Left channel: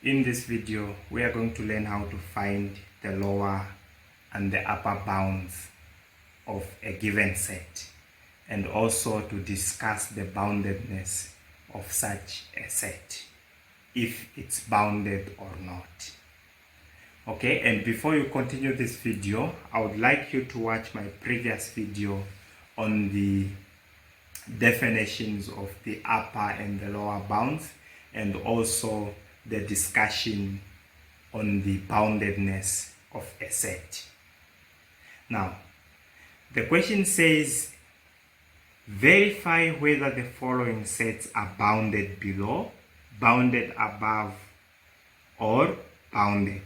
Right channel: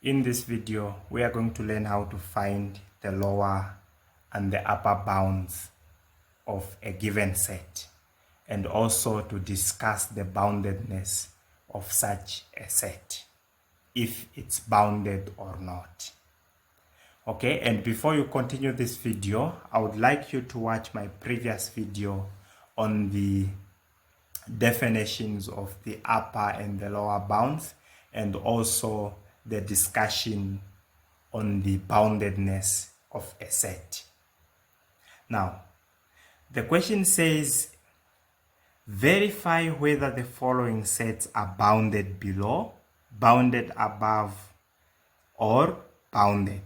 In this video, we are going to learn how to find the lower and the upper bounds of a given set, and also to discuss the boundedness of such a set, if it's bounded or not. Okay, and before you continue this video, I would like you to watch my previous video on the definitions of the upper and the lower bounds, and also the discussion on the boundedness of a set. Now, the question says, verify whether the following sets are bounded below, bounded above, or bounded.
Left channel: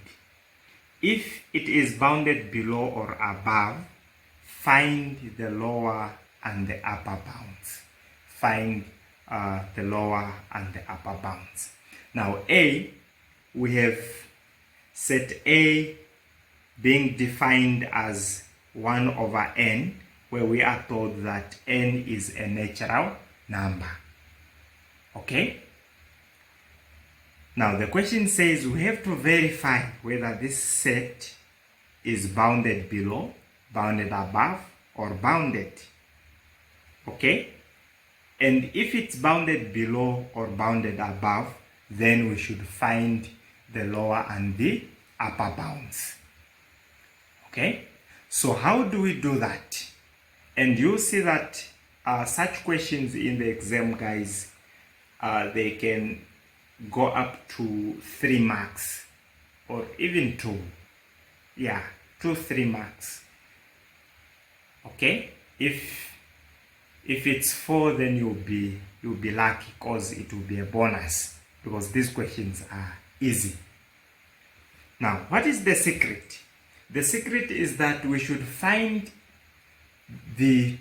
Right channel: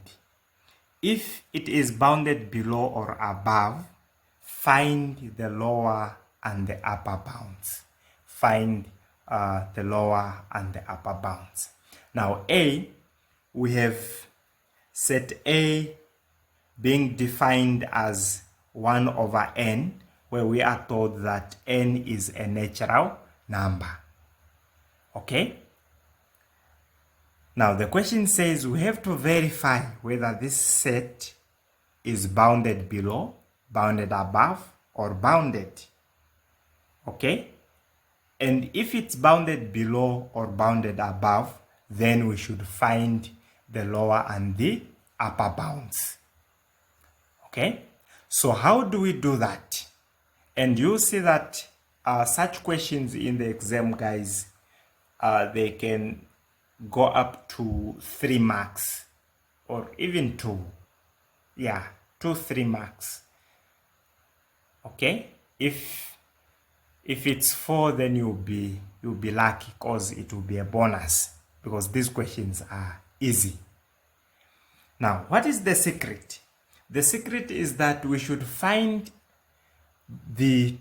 If it is bounded below or above, find the lower and the upper bounds. Find the lower and the upper bounds. Now A, we have set A being defined as 1 over n, where we are told that n is a natural number. Okay? Now the question says we have to verify whether this set is bounded below, bounded above, or bounded. Okay? And if it's bounded below or bounded above, then we should find the lower and the upper bounds. Okay? So how do we do that? And you'll see that such questions in the exam, guys, they can go up to 3 marks or even 2. Yeah, 2-3 marks. Okay? If it's 4, then you'll be lucky, because it will be a bonus, because these questions are easy. Now, what is the secret? The secret is that we should find the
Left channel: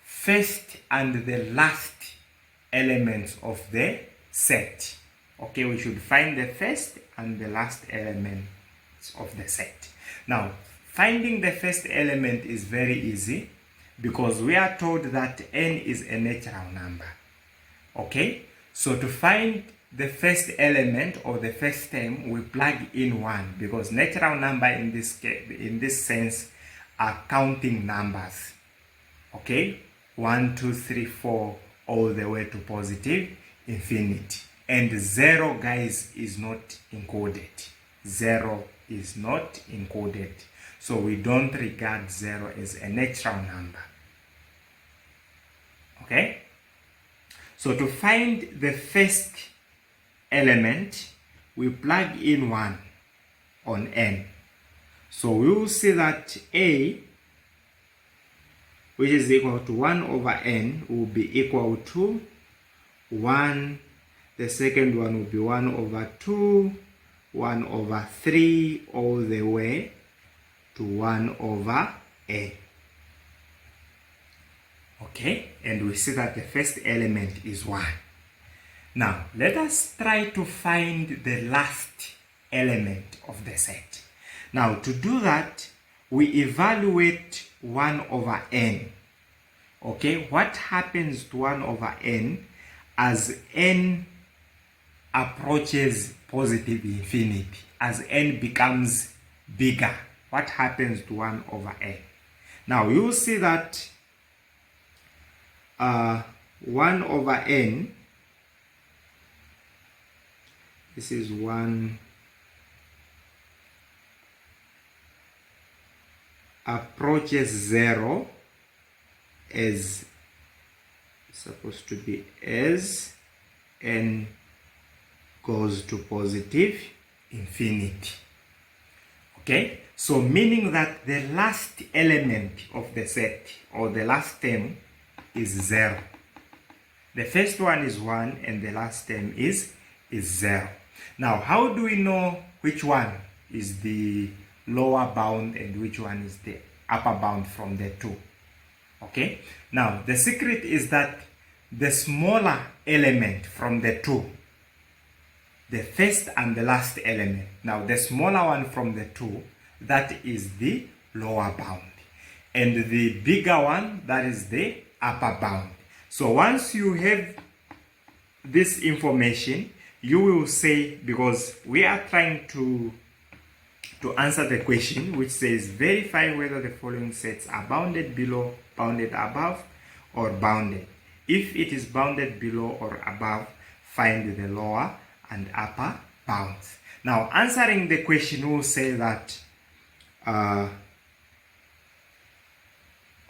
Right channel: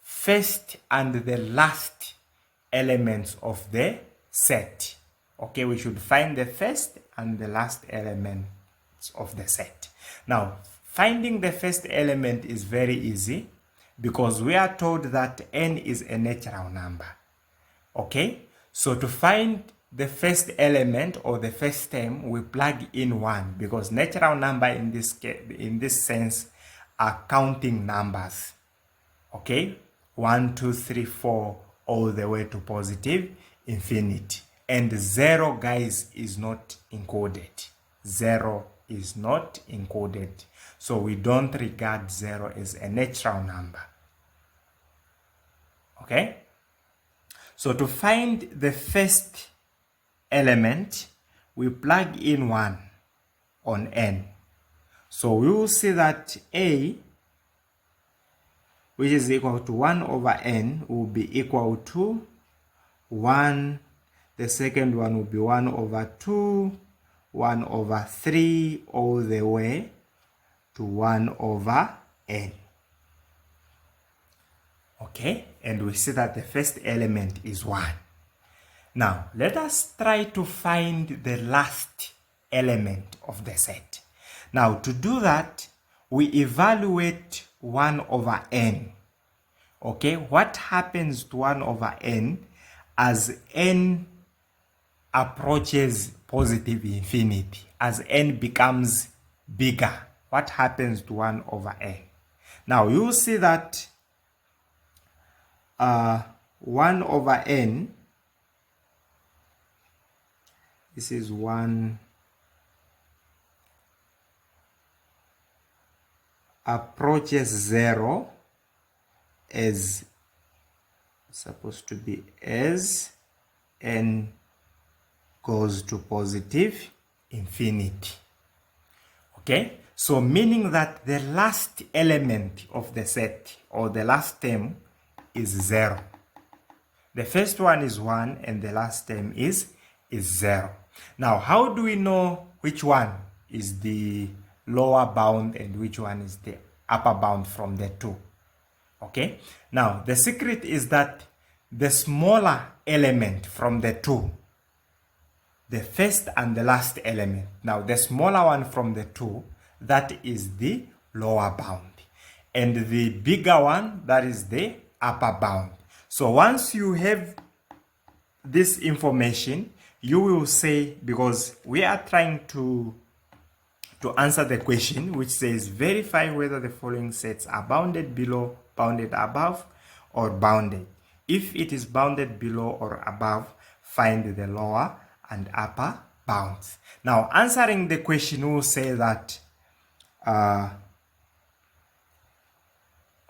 first and the last elements of the set. Okay, we should find the first and the last elements of the set. Now, finding the first element is very easy, because we are told that n is a natural number. Okay, so to find the first element or the first term, we plug in 1, because natural number in this sense are counting numbers. Okay, 1, 2, 3, 4, all the way to positive infinity. And 0, guys, is not encoded. 0 is not encoded. So we don't regard 0 as a natural number. Okay? So to find the first element, we plug in 1 on n. So we will see that A, which is equal to 1 over n, will be equal to 1. The second one will be 1 over 2, 1 over 3, all the way to 1 over n. Okay, and we see that the first element is 1. Now, let us try to find the last element of the set. Now, to do that, we evaluate 1 over n. Okay, what happens to 1 over n as n approaches positive infinity? As n becomes bigger, what happens to 1 over n? Now, you will see that 1 over n, this is 1, approaches 0 as supposed to be as n goes to positive infinity. Okay, so meaning that the last element of the set, or the last term, is 0. The first one is 1 and the last term is 0. Now, how do we know which one is the lower bound and which one is the upper bound from the two? Okay, now the secret is that the smaller element from the two, the first and the last element, now the smaller one from the two, that is the lower bound, and the bigger one, that is the upper bound. So once you have this information, you will say, because we are trying to answer the question which says verify whether the following sets are bounded below, bounded above, or bounded. If it is bounded below or above, find the lower and upper bounds. Now, answering the question, we'll say that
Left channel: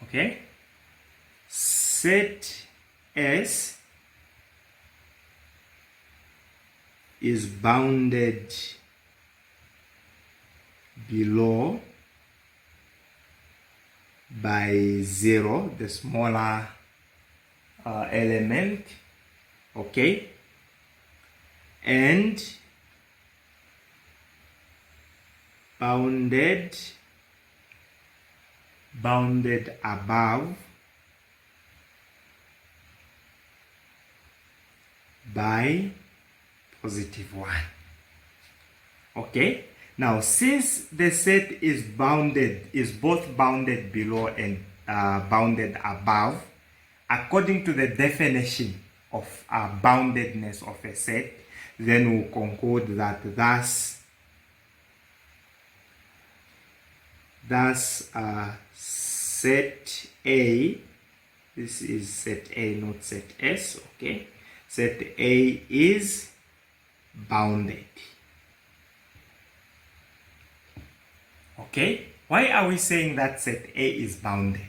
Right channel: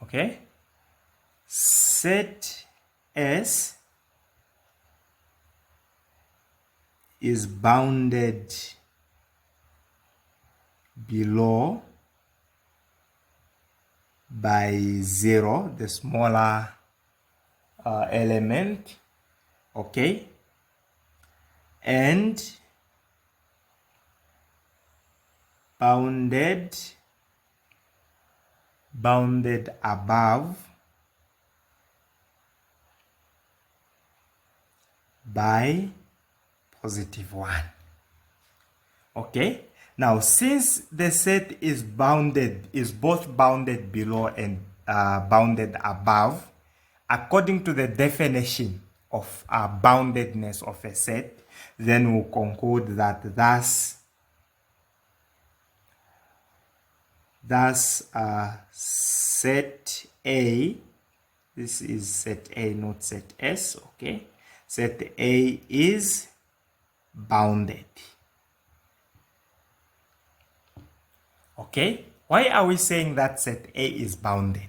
okay, set S is bounded below by 0, the smaller element, okay, and bounded above by positive 1. Okay, now since the set is both bounded below and bounded above, according to the definition of boundedness of a set, then we'll conclude that thus set A, this is set A, not set S, okay, set A is bounded. Okay, why are we saying that set A is bounded?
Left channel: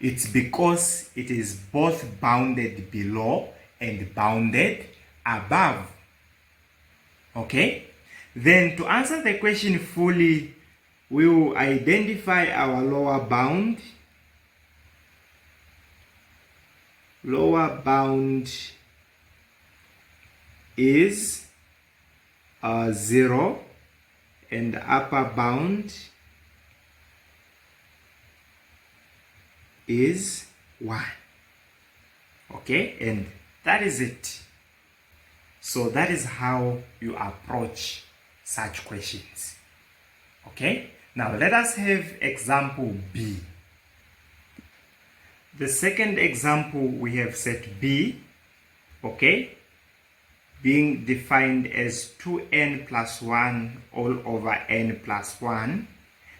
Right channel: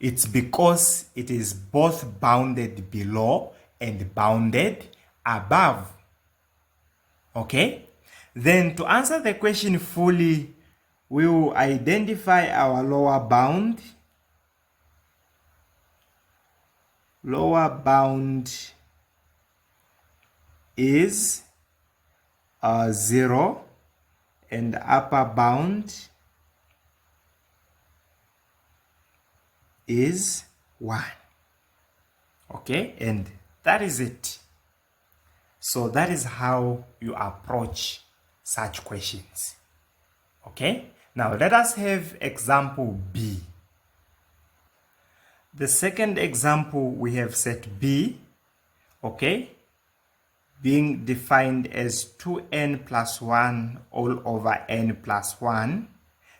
It's because it is both bounded below and bounded above. Okay, then to answer the question fully, we will identify our lower bound. Lower bound is 0 and the upper bound is 1. Okay, and that is it. So that is how you approach such questions. Okay, now let us have example B. The second example, we have set B, okay, being defined as 2n plus 1 all over n plus 1,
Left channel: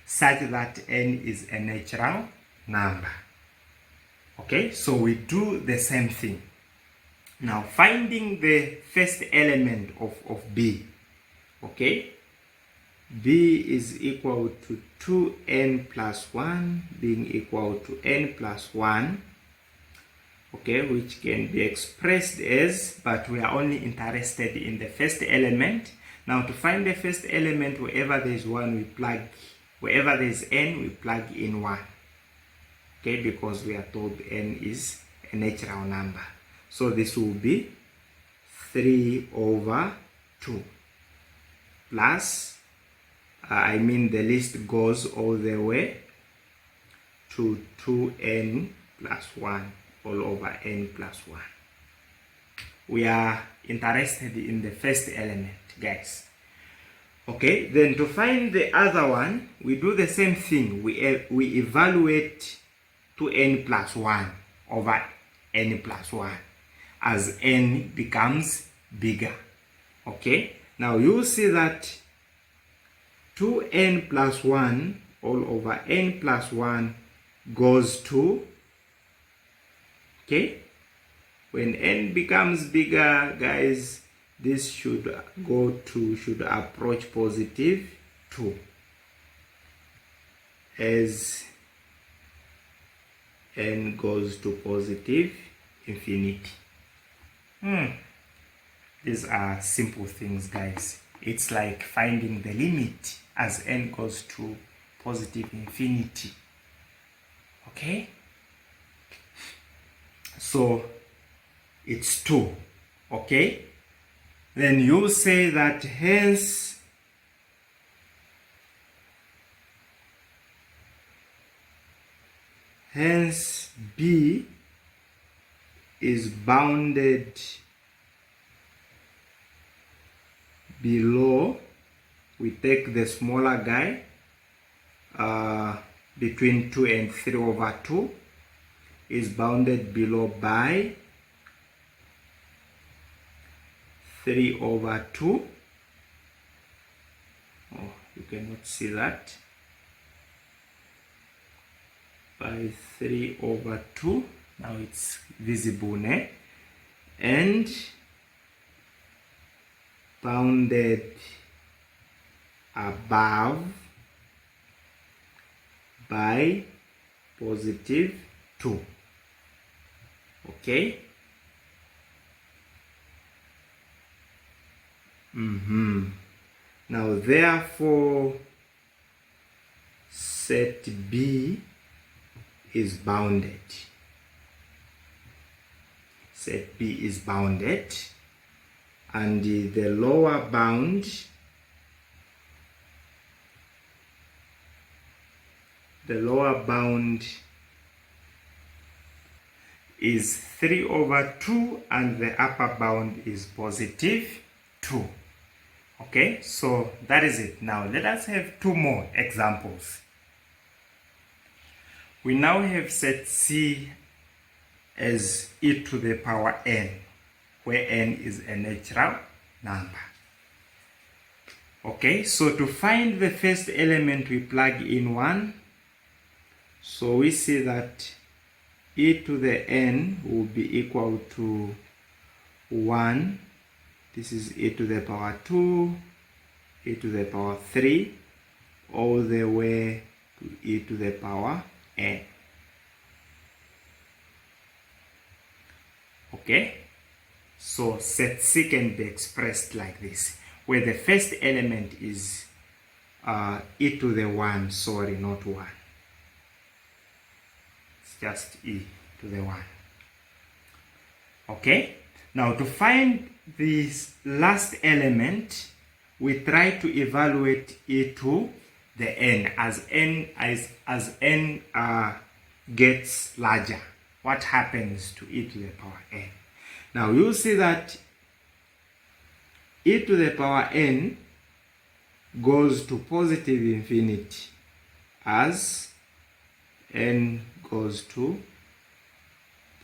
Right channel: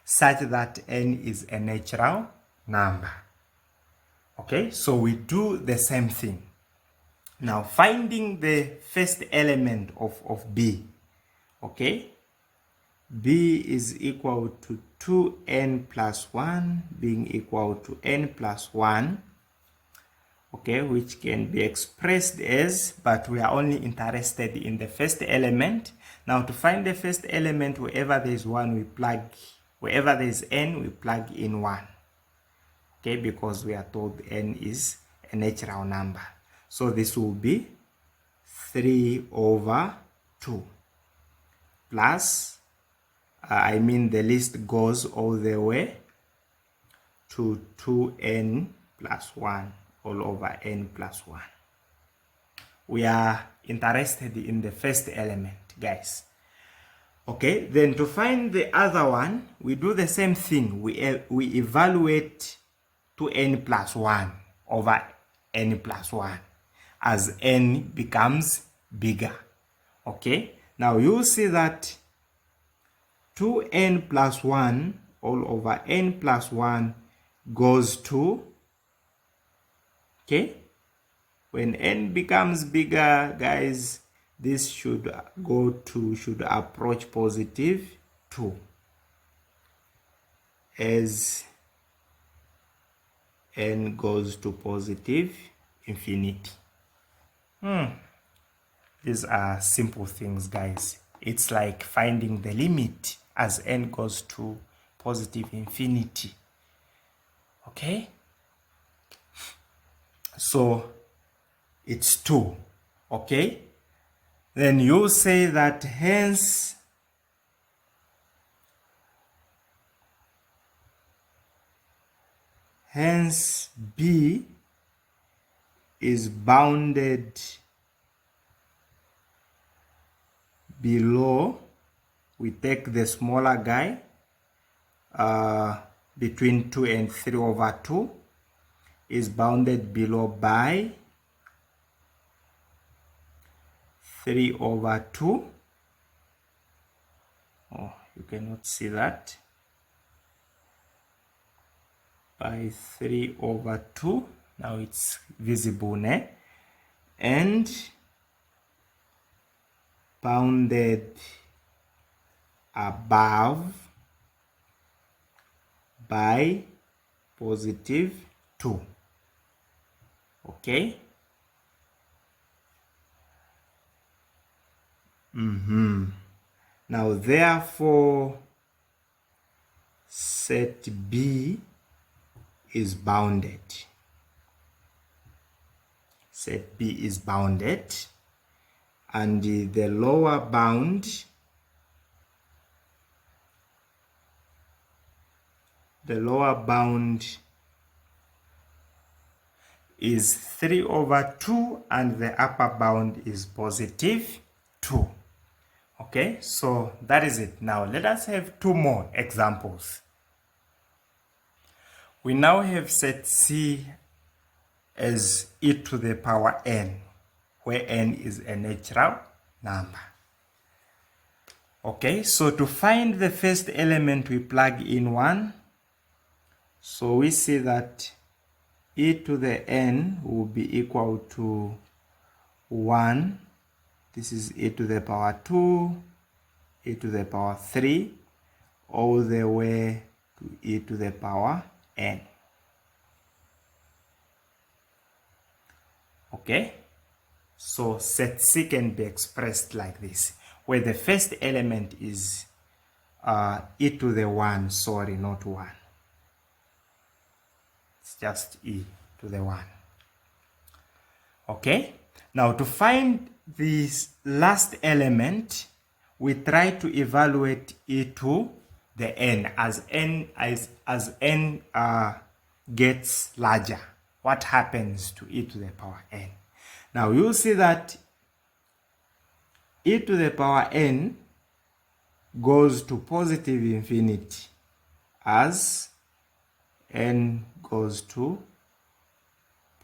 such that n is a natural number. Okay, so we do the same thing. Now, finding the first element of B, okay, B is equal to 2n plus 1 being equal to n plus 1, okay, which can be expressed as, but we are only interested in the first element. Now, to find the first element, wherever there is 1, we plug, wherever there is n, we plug in 1. Okay, because we are told n is a natural number. So this will be 3 over 2 plus, the list goes all the way to 2n plus 1 all over n plus 1. We are interested in the first element, guys. Okay, then to find the other one, we do the same thing. We evaluate 2n plus 1 over n plus 1 as n becomes bigger. Okay, now you see that 2n plus 1 all over n plus 1 goes to, okay, when n becomes bigger, guys, this should approach positive 2 as n goes to positive infinity. These are simple things, guys. It's like finding the limit as n goes to positive infinity. Okay? So it's 2. Okay? Then you say that hence B is bounded below, we take the smaller guy, between 2 and 3 over 2, is bounded below by 3 over 2. Oh, you cannot see that. By 3 over 2. Now it's visible, né? And bounded above by positive 2. Okay? Now, therefore, set B is bounded. Set B is bounded, and the lower bound is 3 over 2, and the upper bound is positive 2. Okay, so that is it. Now let us have two more examples. We now have set C as e to the power n, where n is a natural number. Okay, so to find the first element, we plug in 1. So we see that e to the n will be equal to 1. This is e to the power 2, e to the power 3, all the way to e to the power n. Okay, so set C can be expressed like this, where the first element is e to the 1, sorry, not 1. It's just e to the 1. Okay, now to find this last element, we try to evaluate e to the n as n gets larger. What happens to e to the power n? Now you'll see that e to the power n goes to positive infinity as n goes to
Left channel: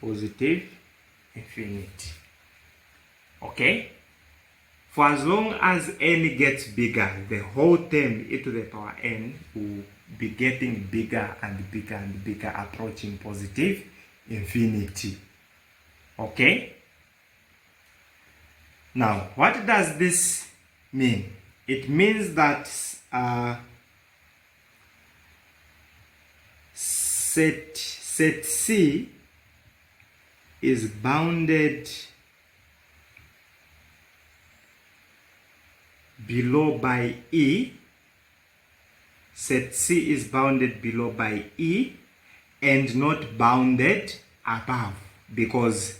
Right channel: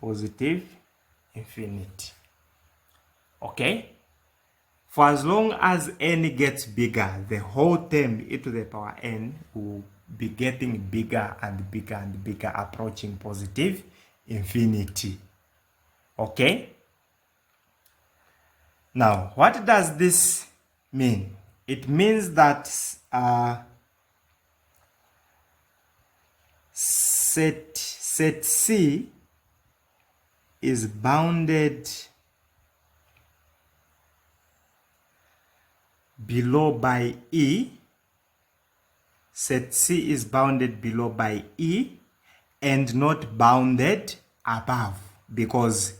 positive infinity. Okay, for as long as n gets bigger, the whole term e to the power n will be getting bigger and bigger and bigger, approaching positive infinity. Okay, now what does this mean? It means that set C is bounded below by E. Set C is bounded below by E and not bounded above, because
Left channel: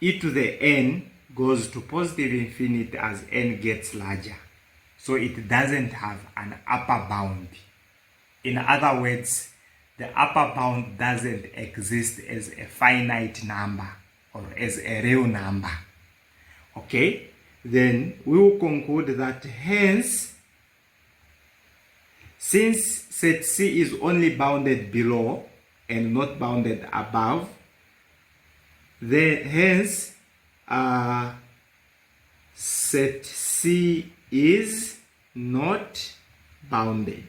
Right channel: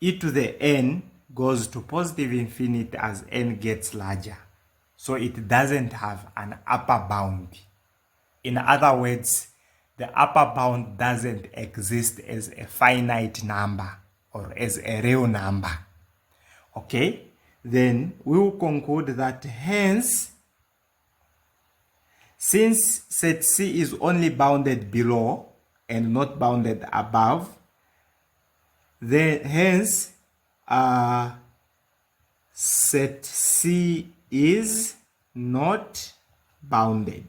e to the n goes to positive infinity as n gets larger. So it doesn't have an upper bound. In other words, the upper bound doesn't exist as a finite number or as a real number. Okay, then we will conclude that hence, since set C is only bounded below and not bounded above, then hence set C is not bounded.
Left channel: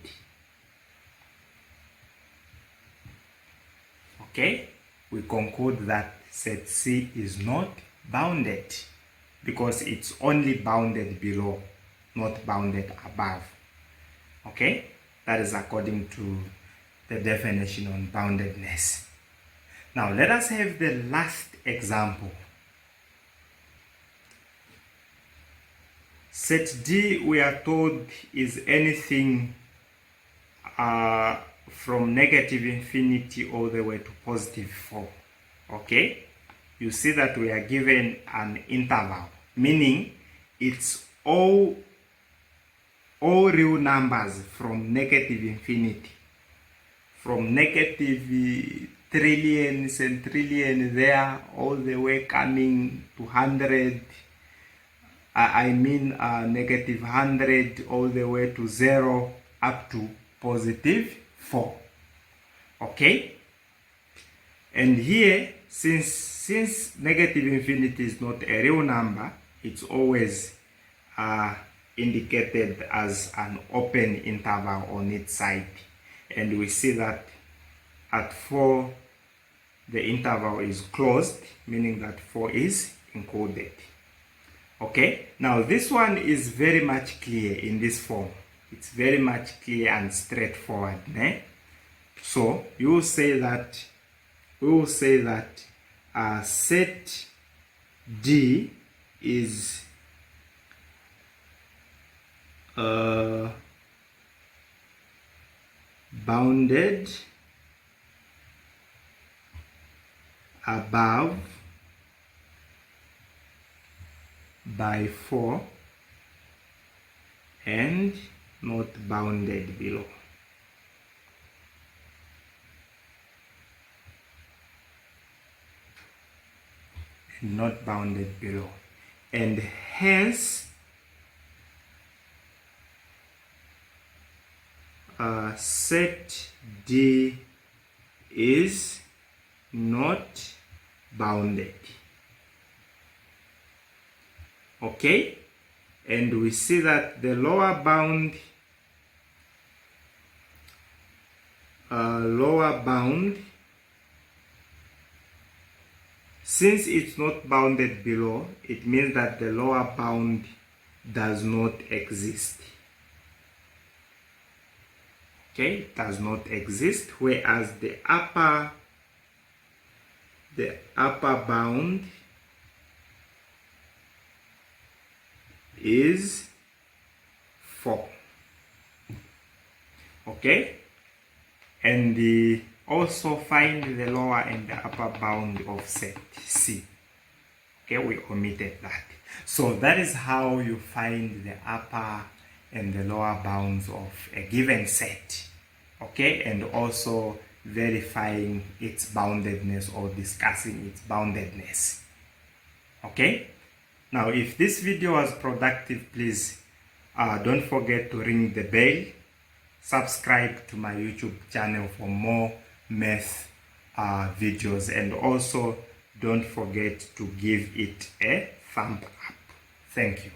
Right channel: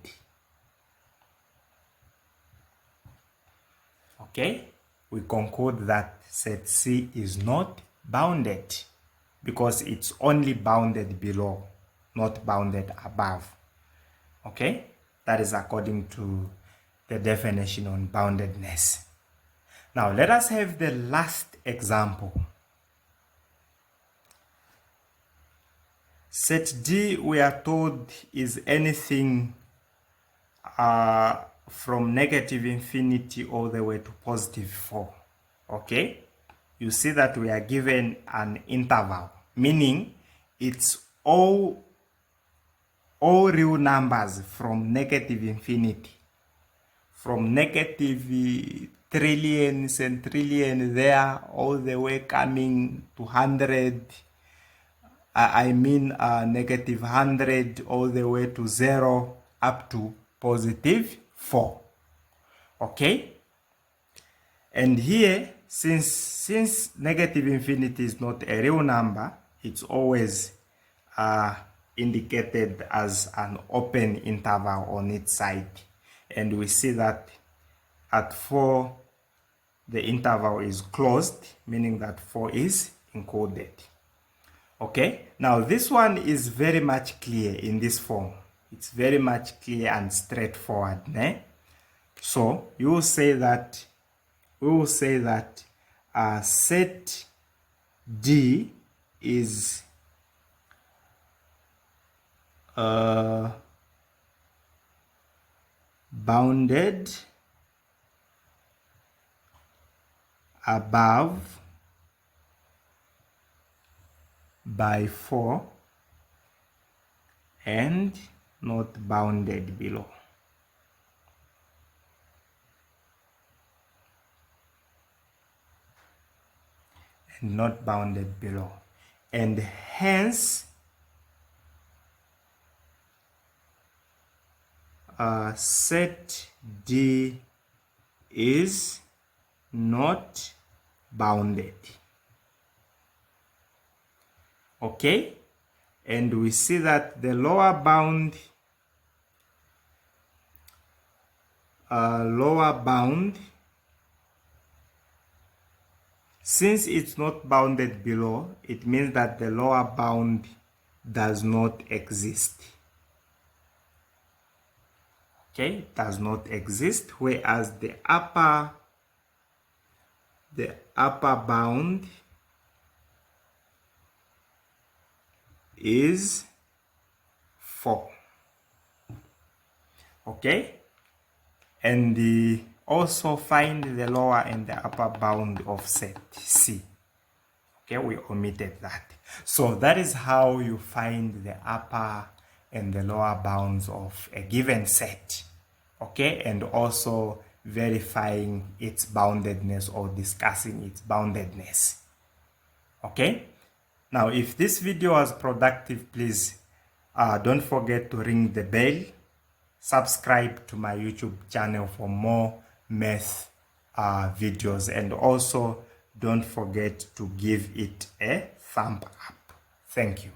Okay, we conclude that set C is not bounded because it's only bounded below, not bounded above. Okay, that is according to the definition on boundedness. Now let us have the last example. Set D, we are told, is anything from negative infinity all the way to positive 4. Okay, you see that we are given an interval, meaning it's all real numbers from negative infinity, from negative trillions and trillion there all the way coming to 100. Negative 100 all the way to 0 up to positive 4. Okay, and here since negative infinity is not a real number, it's always indicated as an open interval on its side. And we see that at 4, the interval is closed, meaning that 4 is included. Okay, now this one is very much clear in this form. It's very much clear and straightforward. So we will say that set D is bounded above by 4 and not bounded below. And not bounded below. And hence set D is not bounded. Okay, and we see that the lower bound since it's not bounded below, it means that the lower bound does not exist. Okay, it does not exist, whereas the upper bound is 4. Okay, and also find the lower and the upper bound of set C. Okay, we omitted that. So that is how you find the upper and the lower bounds of a given set. Okay, and also verifying its boundedness or discussing its boundedness. Okay, now if this video was productive, please don't forget to ring the bell, subscribe to my YouTube channel for more math videos, and also don't forget to give it a thumb up. Thank you.